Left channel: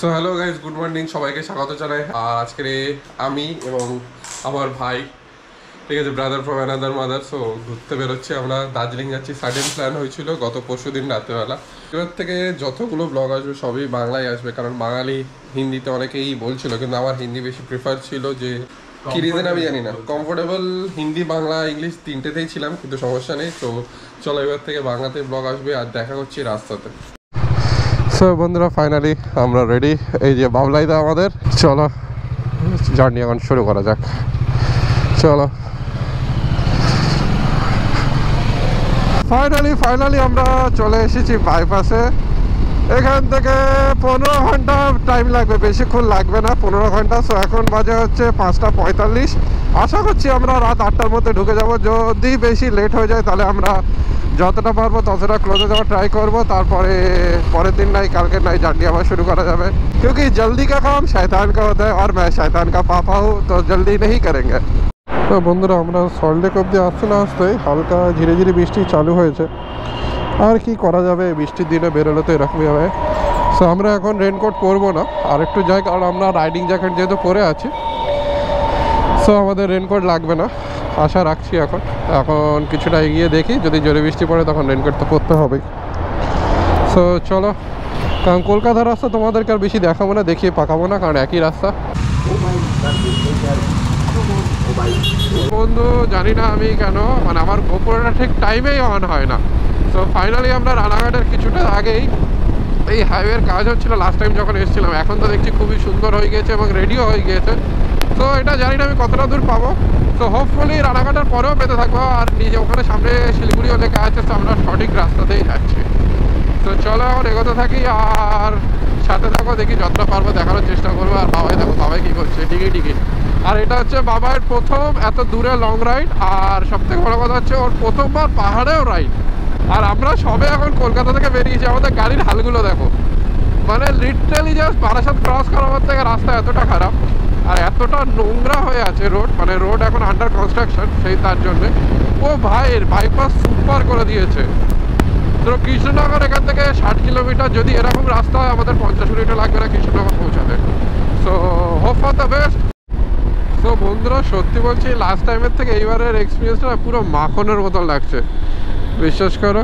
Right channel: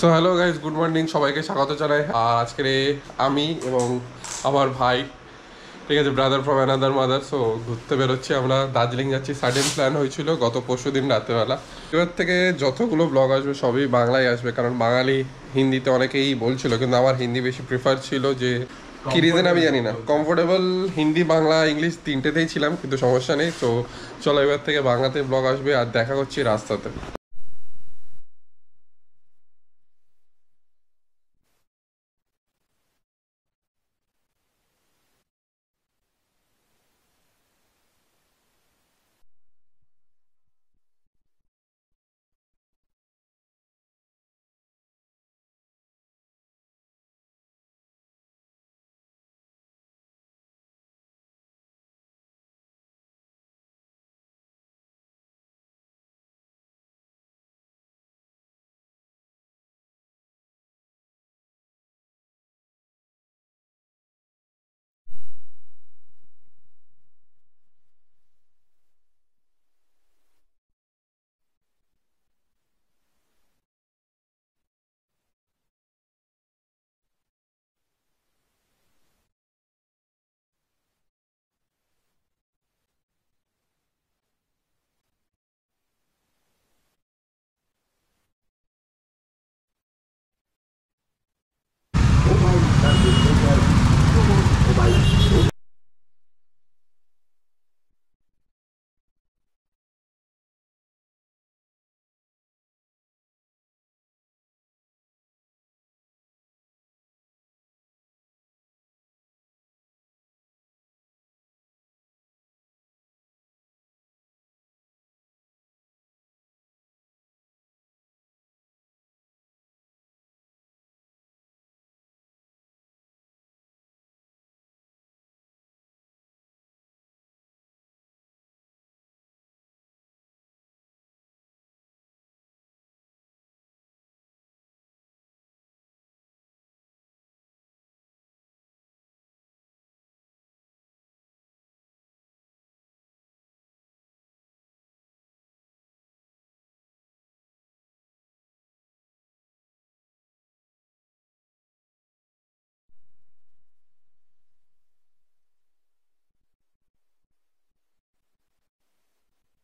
So hello guys, good morning, সবাইকে স্বাগত জানাই। আর আজকে আমি এবং আমার ভাই, ঠিক আছে, brother from another mother, so ঘুরতে বেরোচ্ছি। আমরা দার্জিলিং যাচ্ছি। সাডেন প্ল্যান হয়েছিল গত পরশু দিন রাতেবেলা। এবার থেকে যতগুলো ব্লগ আসবে সবই বাংলায় আসবে, কারণ বাঙালি হিন্দিতে অনেকেই বলছিল, কিন্তু আমার হিন্দি বেশি প্রিফার ছিল। যে কী রিজন আমি জানি না, কমফোর্টেবল হিন্দি বাংলা ইংলিশ তিনটেতেই ছিলাম, কিন্তু সমস্যা নেই। তো চলো এবার থেকে বাংলাতে ব্লগ আসবে। আর দেখা করছি রাস্তাতে। সো বন্ধুরা, ফাইনালি আমরা রেডি। এই যে বাবলাইদা আমাদের। চলো জার্নি এখন শুরু করা যাক। চলো ফাইনালি আমরা চলে এসেছি বাইপাসে। এখান থেকে 15 ঘন্টা টাইম লাগবে, বেশিক্ষণ লাগবে না, 15 ঘন্টা। সো এখন বাজে হচ্ছে 5:45। আশা করছি আমরা রাত 8টার মধ্যে ঢুকে যাব। যদি বেশি লেট হয়ে যায় তাহলে আমরা যতটা পারবো ততটা ক্লোজে যাওয়ার ট্রাই করবো। তারপরে পরের দিন নাই কালকে নাই জার্নি আবার শুরু করা যাবে। क्योंकि जल्दी का काम शैतान का होता है और मैं शैतान का पापा हूँ, तो जल्दी नहीं करेंगे। তো বন্ধুরা, আমরা সল্টলেক অবধি আসতে না আসতেই হালকা ধীরে ধীরে বৃষ্টি চালু হয়েছে। আর কি করা যাবে, বৃষ্টির দিনে বেরোলে তো এরকমই হবে। সো আমরা এখন রেনকোট পরবো না, আর একটু যাই, কারণ আমরা রাইডিং জ্যাকেট যেহেতু পরে আছি। সো আমাদের রেনকোট লাগবে না, আশা রাখছি। এখন কিছুটা এগিয়ে দেখি, যদি জোরে বৃষ্টি পড়ে তখন রেনকোট তো পরতে হবেই। সো চলো, কারণ কলকাতার রাস্তা তোমাদেরকে আর বেশি দেখাবো না, দেখিয়ে পাকাবো না, কারণ একই রাস্তা। বন্ধু জানি না আমি কেন, মানে আমার গোপরটা ঠিক টাইমেই অন হয় না। সো ফাইনালি আমরা রানাঘাটের কিছুটা আগেই, এই হাইওয়ের কাজ হচ্ছিল লাস্ট টাইম যখন এসেছিলাম। এখন তো দেখছি খুবই সুন্দর হয়ে গিয়েছে এবং রেডিও হয়ে গিয়েছে। তো এটা জানি না আমি কতটা দূর পাবো। তো হোপফুলি রানাঘাটের পরেও পেতে থাকবো। আর নিজে ওখানে সামনে শিলিগুড়িও লেখা আছে, তো আমরা সঠিক রাস্তাতেই যাচ্ছি। তো চলো এখন এগোতে থাকি আর সাথে থাকো, দেখি যতটা পারবো দেখানোর চেষ্টা করবো। আর বাবাই দেখো, বাবাই কী করছে, টিকি। আর এটা হচ্ছে বাবার প্রথম এত দূরে লং রাইড। আর সবথেকে বড় কথা হচ্ছে ওর প্রথমবার পাহাড়েও রাইড। আর আমরা সবে এখন কলকাতা থেকে বেরিয়েছি, আমাদের গাড়ির হালগুলো দেখো, মানে লিটারালি জাস্ট বারাসাত ক্রস করার থেকে রাস্তা এতটা খারাপ আর এতটা নোংরা হয়ে আছে রোড। মানে রোড এখন আন্ডার কনস্ট্রাকশন, সেই তার জন্যে। ও ভাইয়ের বাইপাস সুপার করে দিয়েছে। তো কৃষ্ণনগর এখান থেকে 60 কিলোমিটার, যদি এরকম রাস্তা হয় আমাদের 50 মিনিটও লাগবে না কৃষ্ণনগর পৌঁছাতে। So hope for the best. তো বন্ধুরা সত্যি বলছি, লাস্ট টাইমের থেকে এইবারের এক্সপিরিয়েন্সটা পুরো মাখনের মতন লাগছে, বিশ্বাস করো,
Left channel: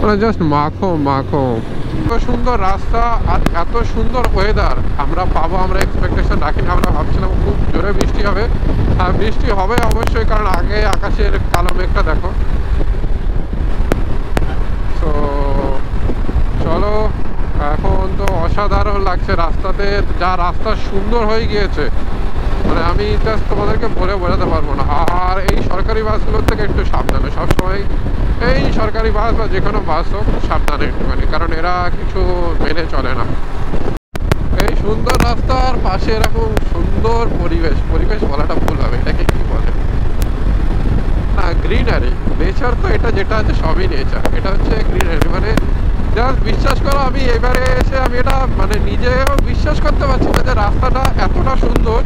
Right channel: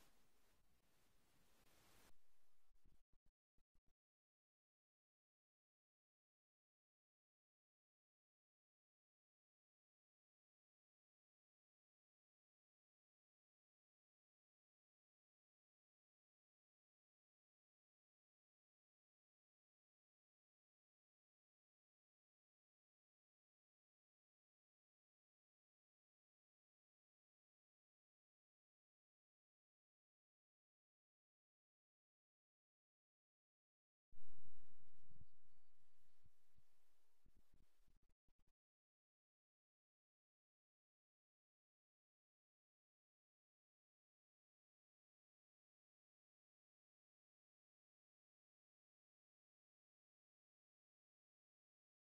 মানে জাস্ট মাখো। এত সুন্দর রাস্তা আর এত সুন্দর ওয়েদার আমরা পাবো, আমরা এক্সপেকটেশন রাখিনি। আমরা ভাবছিলাম খুব জোরে বৃষ্টি হবে। আর বৃষ্টি হবে অবশ্যই, কারণ আগে আকাশের কালো মেঘটা দেখো। তো চলো, এখন তো অসাধারণ লাগছে রাস্তাতে, যা রাস্তা সুন্দর হয়ে গিয়েছে, মানে আমি জাস্ট তোমাদেরকে বলে বোঝাতে পারবো না। আর এই সরকারি বাসগুলোর থেকে একটু সাবধানে সবসময়, এই সরকারি বাস বা যে কোনো বাস হোক, সাবধানে একটুখানি, কারণ এরা কিছু মেনে চলে না। এই সুন্দর রাস্তার পাশে এরকম সুন্দর পরিবেশ বলাটা ভুল হবে, এটাকে কি বলে, না গ্রিনারি, নেচার। তো এটা যেটা আছে সবই নেচার, এটা হচ্ছে গ্রিনারি। মানে জাস্ট বিশ্বাস করো, আমি এবারে এসে আমি এটা মানে নিজেও বিশ্বাস করতে পারছি না যে রাস্তাটা এতটা সুন্দর।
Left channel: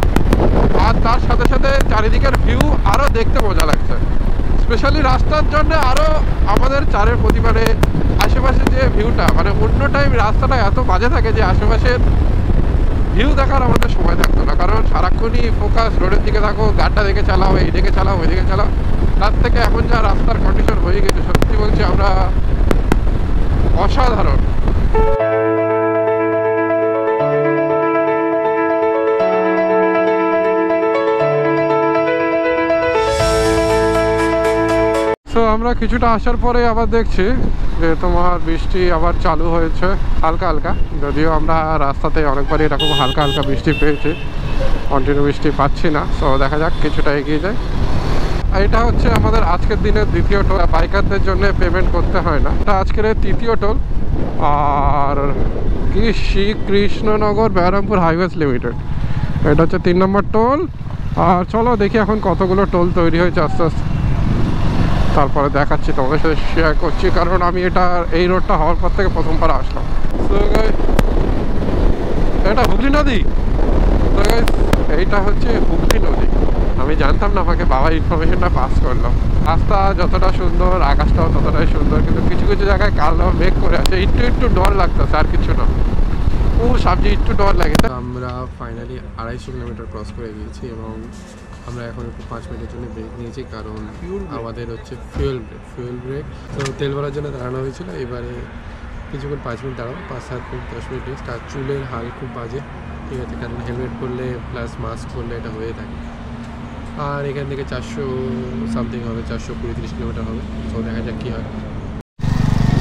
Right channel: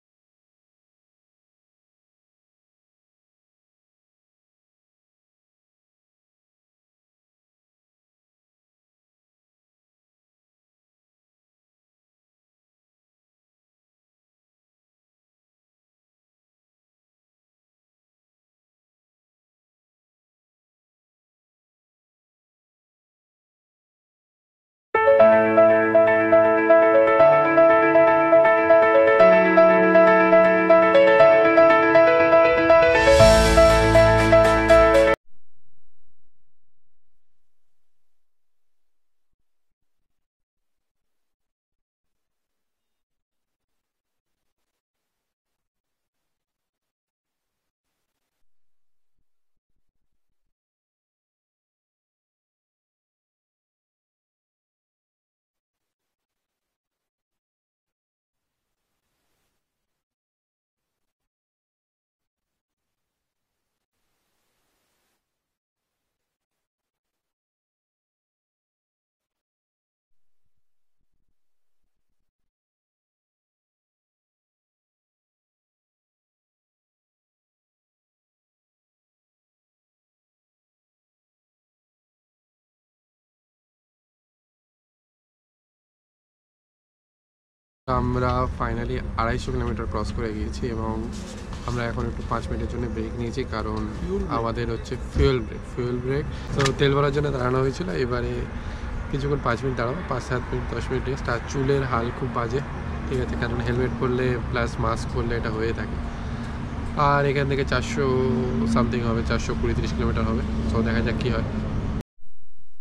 আর তার সাথে সাথে চারিদিকের ভিউ আরও দেখতে মজা লাগছে, স্পেশালি রাস্তার জন্য। আরও আমাদের চারের প্রতি, মানে আশেপাশে যে ভিউটা, মানে অন্য টাইম রাস্তাটা এত বাজে থাকে যে আশেপাশের ভিউ দেখার আমাদের সময় থাকতো না, কারণ সারাক্ষণই ফোকাস রোডের দিকে থাকো, গাড়িটা দেখে চালাও, এইদিকে চালাও ওইদিকে চালাও। তার থেকে এখন যা রাস্তার কন্ডিশন হয়ে গেছে, সত্যি বলছি আমরা অসাধারণ। তো আমরা কিছুটা আসার পরে আবার দেখছি যে তোমার বৃষ্টি আবার চালু হয়েছে হালকা হালকা, যদিও আমরা রাস্তাতে অনেকবারই এরকম হালকা হালকা বৃষ্টি পেয়েছি, কন্টিনিউ বৃষ্টি পাচ্ছি না। তো দেখা যাক, কিছুটা এগিয়ে যায়। এটা হচ্ছে আমাদের আজকের দিনের দ্বিতীয় টোল। বাইকারদের জন্য পেমেন্ট করতে হয় না, এটা আজকের তৃতীয় টোল। আর কি শ্রীকৃষ্ণনগর বেহারামপুর হাইওয়েজ লিমিটেড, এটা হচ্ছে 3 নম্বর টোল। আর চলো দেখি এখন কতগুলো টোল তৈরি হয়েছে আস্তে আস্তে, তারপরে দেখাচ্ছি, তোমাদের সাথে শেয়ার করছি, কারণ আমি এটা এই রোডটা হওয়ার পর থেকে প্রথমবার আসলাম। তো এটা হুগলি নদী। তো এইটা হচ্ছে হুগলি নদী, আমি জানতাম না, আমাকে বাবা ইনফরমেশনটা পাস করলো। রাস্তা যতটা সুন্দর, আকাশটাও ততটাই সুন্দর, কিন্তু কিছু কিছু জায়গায় কালো মেঘ করে আছে, একটু ডর লাগতেছে, আর কিছু না। ও সবজি একটু ডর লাগে। আমরা ফাইনালি 250 কিলোমিটার ক্রস করে গিয়েছি এবং আমরা এখন একটু 5 মিনিটের জন্য ব্রেক নিয়েছি, কারণ আমাদের হচ্ছে ফুয়েল ব্রেক। তো তেল ভরার জন্য দাঁড়ানো হয়েছিল। এবারে কিছুক্ষণ 5 মিনিট দাঁড়াবো, 5-7 মিনিট 10 মিনিট রেস্ট। আর চুলের হাল খুব বাজে, ঠিক আছে, কারণ হেলমেট পরলে প্লাস মাস্ক পরলে এটা হয়ে থাকে। আর এখান থেকে 400 সামথিং হবে, 420-30 কিলোমিটার হবে। তো দেখা যাক কী হয়।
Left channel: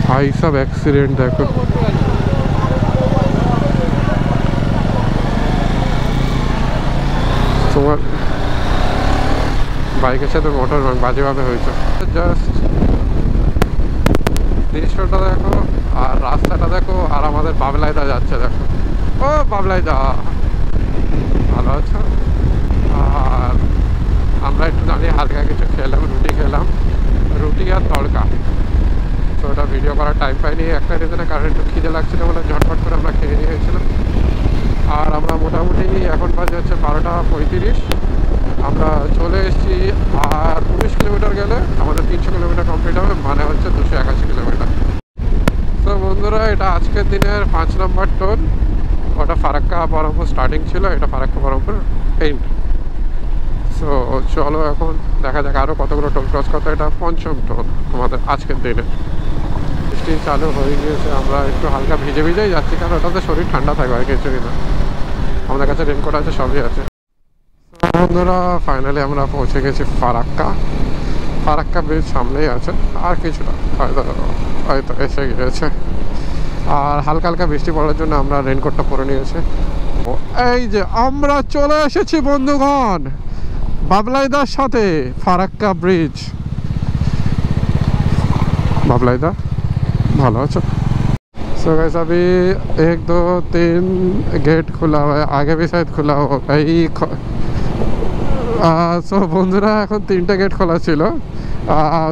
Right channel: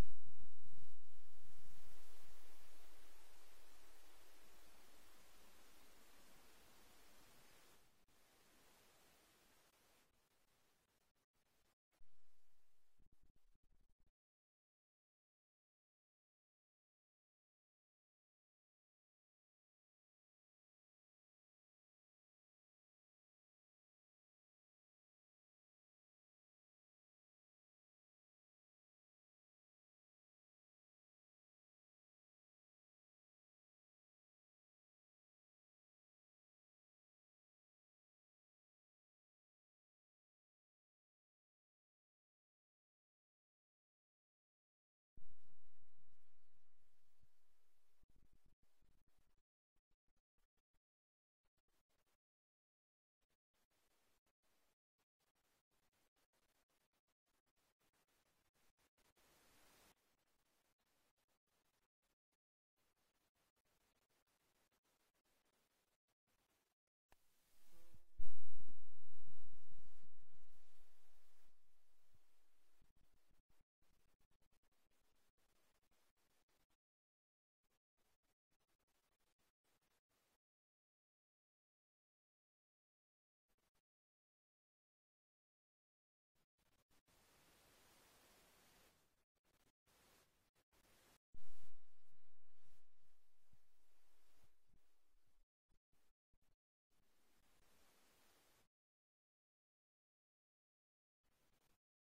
ভাই সব অ্যাক্সিডেন্ট দেখো, তোমার বাইকের সাথে মোটর বাজেভাবে হয়েছে। জাস্ট দৃশ্যটা দেখো আর রাস্তাটা দেখো, আর আমাদের বাবলাইদা যাচ্ছে দেখো। ও বাবলাইদা, ভালো আছো? আর আমরা একটু দাঁড়িয়ে হালকা কিছু খেলাম, রুটি আর তড়কা। তো ওটা ভিডিও করার টাইম পাইনি একটা রিজনে, কারণ একটু খিদে লাগছিল বলে ঝটপট করে আমরা খেয়ে নিয়েছিলাম। আর আমরা মোটামুটি এখন বাজে হচ্ছে 12:35, আমরা চলে এসেছি। আর 19 কিলোমিটার গেলে আমাদের 300 কিলোমিটার কমপ্লিট হবে, মানে হচ্ছে 281 কিলোমিটার। তো বন্ধুরা, এটা আজকের দিনের 5 নম্বর টোল। ওটা ফারাক্কা বহরমপুর স্টার্টিং ছিল, এটা ফারাক্কা বহরমপুর এন্ড। সো চলো এখন দেখা যাক আরও কতগুলো টোল ক্রস করতে। এটা 5ম টোল আমাদের আজকের দিনে। বৃষ্টি চালু হয়ে গিয়েছে, আমরা একটু হালকা ভিজেই যাচ্ছি, কারণ ওটাতে শরীর ঠান্ডা থাকবে আর কিছুই না। আমাদের কাছে রেনকোট আছে, সবই আছে। বন্ধুরা ফাইনালি আমরা পৌঁছে গেছি ফারাক্কা ব্রিজ সামনেই আছে, আর কিছুটা হয়তো এসে গিয়েছে। আর হালকা হালকা বৃষ্টি পড়ার জন্য আমরা রেনকোটটা পরে নিয়েছি। এই যে আমরা চলে এসেছি বন্ধুগণ বাবলাইদার সাথে ফারাক্কা ব্রিজ। বাবলাইদা ভালো আছো? सो गाइस अभी 1 2 3 गेट खुला हुआ है, आगे भी शायद खुला होगा। সো বন্ধুরা এখন 3টে গেট খোলা ছিল,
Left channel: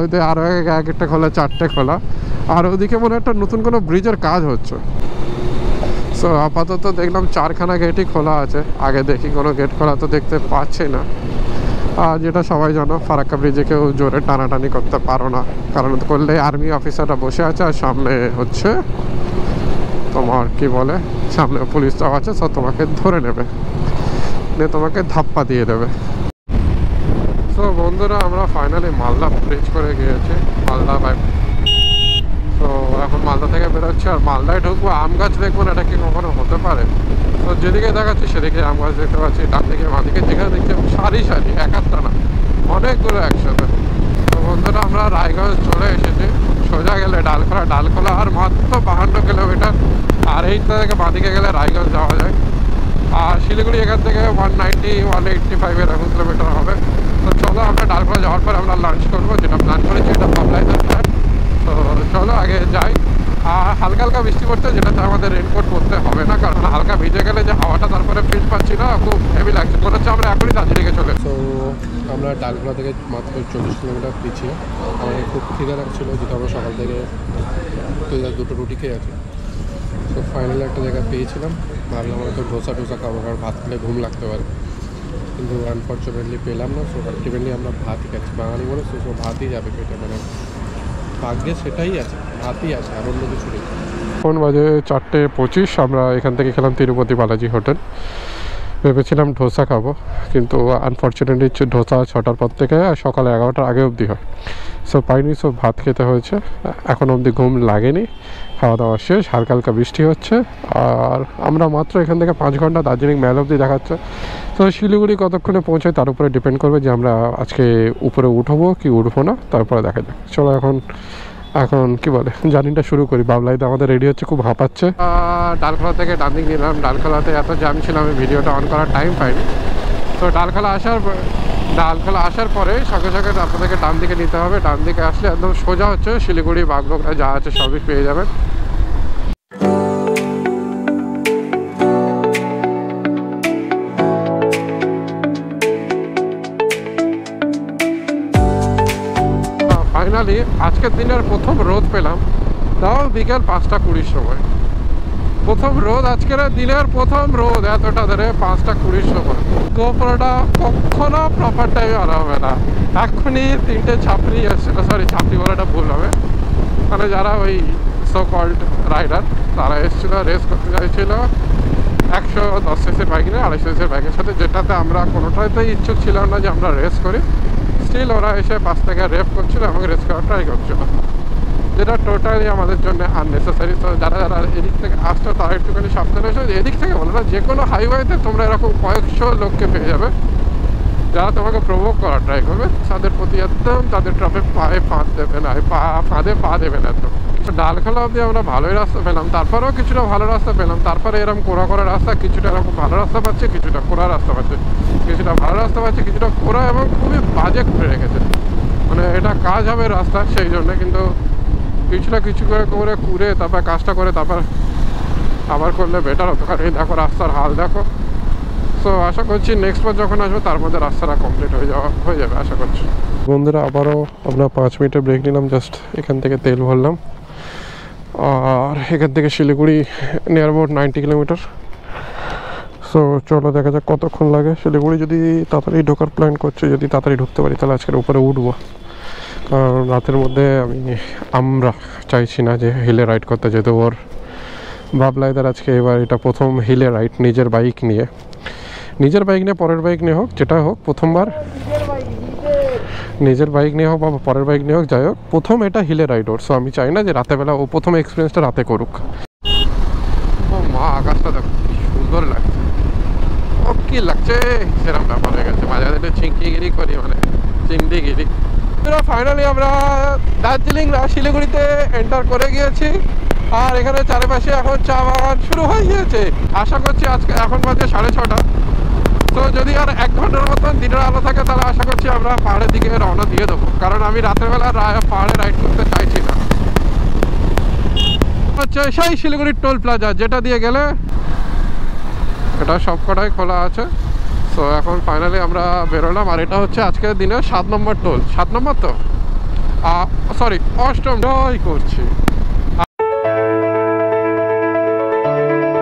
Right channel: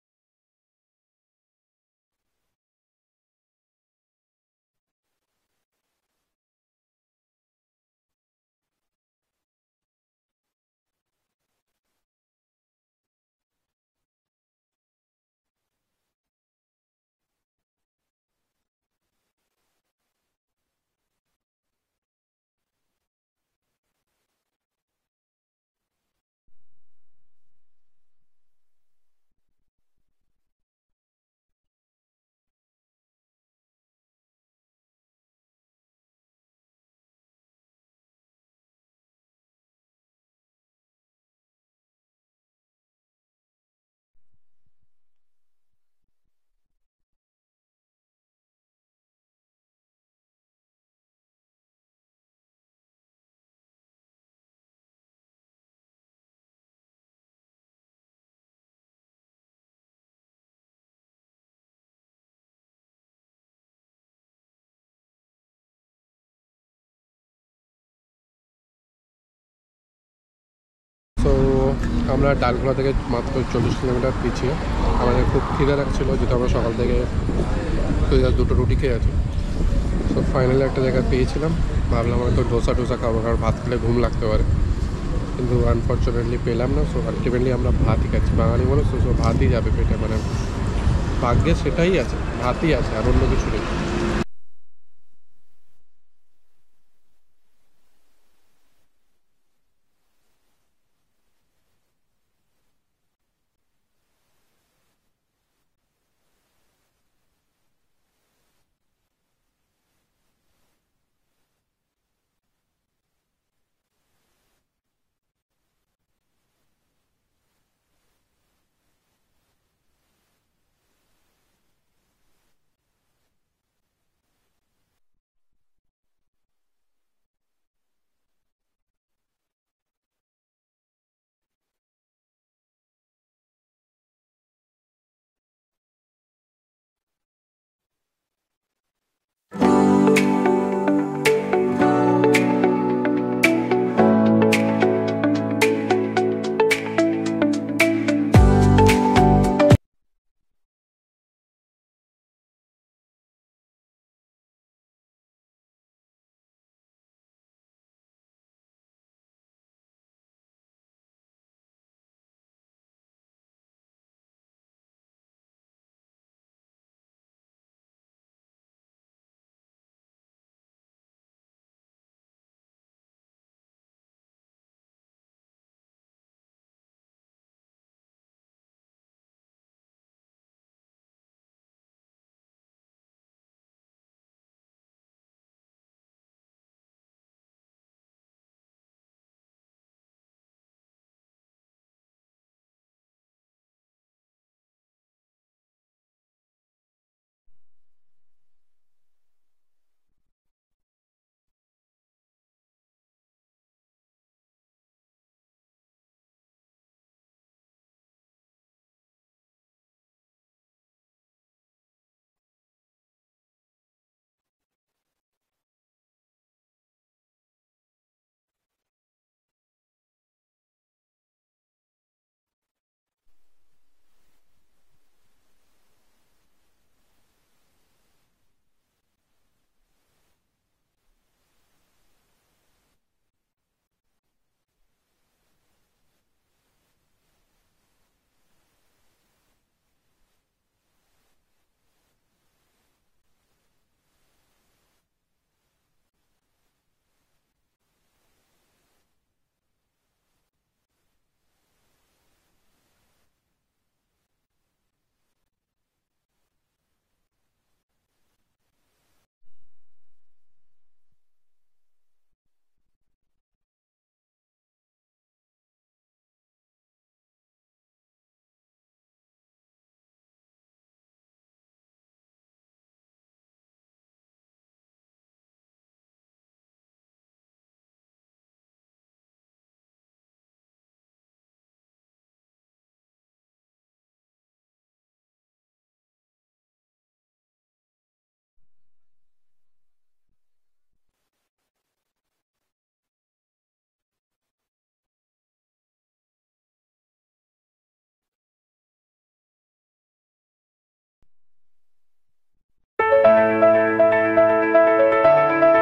ওইতে আরও এক একটা খোলা, 4টে খোলা। আর ওদিকে মনে একটা নতুন কোনো ব্রিজের কাজ হচ্ছে। সো আপাতত দেখলাম 4খানা গেটই খোলা আছে। আগে দেখি কোনো গেট খোলা তো দেখতে পাচ্ছি না। আর যেটা সবাই জানো, ফারাক্কা ব্রিজে কেউ জোরে টানাটানি করতে পারো না, কারণ করলে আর্মি অফিসাররা বসে আছে আর সামনে হচ্ছে তোমার কি বলে, সামনে পুলিশরাও আছে। সব তোমাকে ধরে নেবে, নিয়ে তোমাকে ধাপ্পা দিয়ে দেবে। তো বন্ধুরা আমরা ফাইনালি মালদা ব্রিজ করে গিয়েছি, মালদা বাই। তো এখন মালদা থেকে বেরোচ্ছি, আর মালদায় ঢুকবো। আম গাছ দেখবো না, এটা কি কখনো হতে পারে? তো যেদিকে দেখাচ্ছি সেদিকে আম গাছ দেখতে পাচ্ছি, ডান দিকে বাঁ দিকে যেখানে দেখছি সারি এক একটা না, অনেকগুলো একসাথে। তো বন্ধুরা আমরা রায়গঞ্জ চলে এসেছি। সোজা গেলে ডালখোলা আর মাত্র 52 কিলোমিটার। আর এইটা থেকে বাঁ দিকে গেলে রায়গঞ্জ যাওয়া যায়। আর শিলিগুড়ি এখান থেকে 190-185 এরকম কিলোমিটার হবে। তো চলো আমরা ডালখোলা যাওয়ার পর আমরা লাঞ্চ করবো, যেটা প্ল্যান করেছি এটা বাবলাইদার প্ল্যান। তো চলো আগে যাই। আর হালকা হালকা বৃষ্টি পড়ছে, যেটাতে আমাদের রেনকোট পরতে হবে না, কারণ হালকা ভিজে গেলে যে হাওয়াটা তারপরে ফিল পাচ্ছি না, খুব হেভি লাগছে, মনে হচ্ছে আমরা এখনই দার্জিলিংয়ে চলে। তো আমরা ডালখোলা থেকে মাত্র 40 কিলোমিটার পিছিয়ে। আমাদের খুব খিদে লাগছিলো, যেহেতু আমরা সকাল থেকে 2 রুটি খেয়ে আছি। তো ফাইনালি একটা জায়গা পেয়েছিলাম, ভাবলাম হয়তো ডোসা খাবো, কারণ ভাত খেলে ঘুম লাগতে পারে, কিন্তু আনফর্চুনেটলি পেলাম না। সো আলটিমেটলি আমরা ভাতই খাচ্ছি, বাঙালি বলে সো ভাতই যাবে পেটে, মানে ভাগ্যে সেটাই আছে, ভাতই আছে, আর অন্য কিছু নেই। এখন বাজে 4:25, আমরা এখান থেকে খেলাম তিরুপতি বালাজি হোটেল। ভেবেছিলাম ডোসা খাবো, কিন্তু আনফর্চুনেটলি ডোসা 6টার পর থেকে সকাল 11টার আগে অবধি হয়। সো পাইনি, সো ভাত খেতে হয়েছে। এখন অবধি ঘুম লাগেনি, খাওয়া দাওয়া শেষ, হালকা হালকা বৃষ্টি হচ্ছে। আর আমরা মাত্র এখান থেকে 5 ঘন্টা, দার্জিলিং ম্যাল অবধি দেখাচ্ছে। তো শিলিগুড়ি কতক্ষণে পৌঁছায় তার উপরে ডিপেন্ড করবে যে আমরা আজকে উপরে উঠবো কি উঠবো না, তারপরে দেখা যাক। চলো এখন কি বলে জার্নিটা শুরু করি। বাবলাইদা আমাদের রেডি হচ্ছে, খুব হাঁপাচ্ছে। ডালখোলা থেকে ডান দিকে নিলাম। ডালখোলাতে এত জ্যাম ছিল আমি ভিডিওটা অন করার টাইম পাইনি। তো ডালখোলা আসার পরে সঙ্গে সঙ্গে আপনাদেরকে ডান দিকে নিতে হবে। ডান দিকে আসলে একদম সোজা হচ্ছে শিলিগুড়ি, বাগডোগরা যা আছে সবই পেয়ে যাবেন। ফাইনালি আজকের দিনের প্রথম রোদ পেলাম, তাও বিকেল 5:20 সময়। প্রথম রোদ, আজকের দিনের প্রথম রোদ এতটা ধরে 5:20 সময়। গোপুরটা কখনো প্রপার টাইমে আনা হবে না। এক্ষুনি 3টে ছাপড়ি এসেছিলো, সরি ছাপড়ি বলাটা ভুল হবে, মানে যারা ওই সো কল্ড রাইডার, তারা এসেছিলো, রেস করতে চাইছিলো। 210 বাইক নিয়ে 250 বাইকের সাথে, যেটাতে আমরা কোনোটাতেই ইচ্ছুক ছিলাম না যে আমরা রেস করি। স্টিল ওরা এসে পাশ থেকে রেপ করছিল এবং রেস করার ট্রাই করছিল, যেটা টোটালি আমাদের জন্য আননেসেসারি। তো যারা যারা এদিক থেকে আসছো তারা একটুখানি সাবধানে এসো। এদিক থেকে বলো না, যে কোনো হাইওয়েতে তোমরা এরকম কয়েকশো লোককে পেয়ে যাবে যারা তোমাকে প্রভোগ করার ট্রাই করবে। তাদের প্রতি একদম তাদের ট্রাফে পায়ে ফাঁদ দেবে না, ফাঁদে পা দেবে না। একদম ডালখোলা অবধি আমরা ভালোই রাস্তা পেলাম, তারপরেও কিছুটা ভালো রাস্তা পেলাম, তারপরে এরকম কোড়া করা রাস্তা, কিছুটা এরকম ভালো রাস্তা পাচ্ছে, কিছুটা কোড়া রাস্তা পাচ্ছে, কিছুটা ভালো রাস্তা পাচ্ছে, কিছুটা কোড়া এবং খুবই বাজে করে রেখেছে। মানে এটা কাজ হবে রাস্তা সেই জন্য, কিন্তু কিছুটা কিছু করে করে কুড়ে তারপর কাজটা করে তারপর আবার করলে বেটার হতো। কারণ এই দেখো রাস্তার হাল দেখো। সো আশা করছি নেক্সট বার যখন আসবো তার মধ্যে রাস্তাটা কমপ্লিট হয়ে যাবে আশা করছি। বন্ধুরা আবারও আমরা 5 মিনিটের ব্রেক নিলাম, জাস্ট এখান থেকে তেল ভরলাম। আর এখান থেকে Siliguri near about 90 kilometre. So চলো দেখা যাক কতক্ষণ লাগে। শিলিগুড়ি যদি তাড়াতাড়ি ঢোকার প্ল্যান করছি, যদি তাড়াতাড়ি ঢুকতে পারি তাহলে আজকের উপরে উঠবো। কারণ রাতের মধ্যে আমরা চাইছি না যে হিলে রাইড করতে যেতে। ওর ভাবলাইদার আজকে এবার এটা প্রথম হিলে রাইড নিজের বাইক নিয়ে পরের বাইক নিয়ে হোক, যেটা হোক প্রথমবার নিজের বাইক নিয়ে হোক বা পরের বাইক নিয়ে হোক, যাই হোক প্রথম এটা হিলে রাইড ওর। সো আমি চাই না যে রাতেবেলা ও প্রথম এক্সপিরিয়েন্সটা রাতে করুক। ও মা, আকাশটা দেখো কি সুন্দর লাগছে। ও কি লাগছে সেরকম ব্যাপার হয়ে গেছে, মাঝে মাঝে চিংকিগিরি করি, মানে চিংড়িগিরি। ফাইনালি আমরা দার্জিলিং শিলিগুড়িতে এন্টার করে গিয়েছি। আর এখানে চারিপাশে এখন চা বাগান শুরু হয়ে গিয়েছে। আশা করছি আজকে এখন বাজে 6:30। তো যদি আর 1 ঘন্টার মতন দিনের আলো থাকে তাহলে আশা করছি আমরা পাহাড়ের দিকে রওনা দিয়ে দেবো, কারণ আমি রাতের বেলা পাহাড়ে রাইড করতে চাইছি না। হচ্ছে সেই শিলিগুড়ির টোল প্লাজা, যেটা দিয়ে গেলে এটা সবকটাই খোলা আছে। সো এখন ফাইনালি আমরা বেরোলাম। আর এটা হচ্ছে আজকের দিনে 7 নম্বর টোল। 7 নম্বর তো সরি 8ম জয় করছি।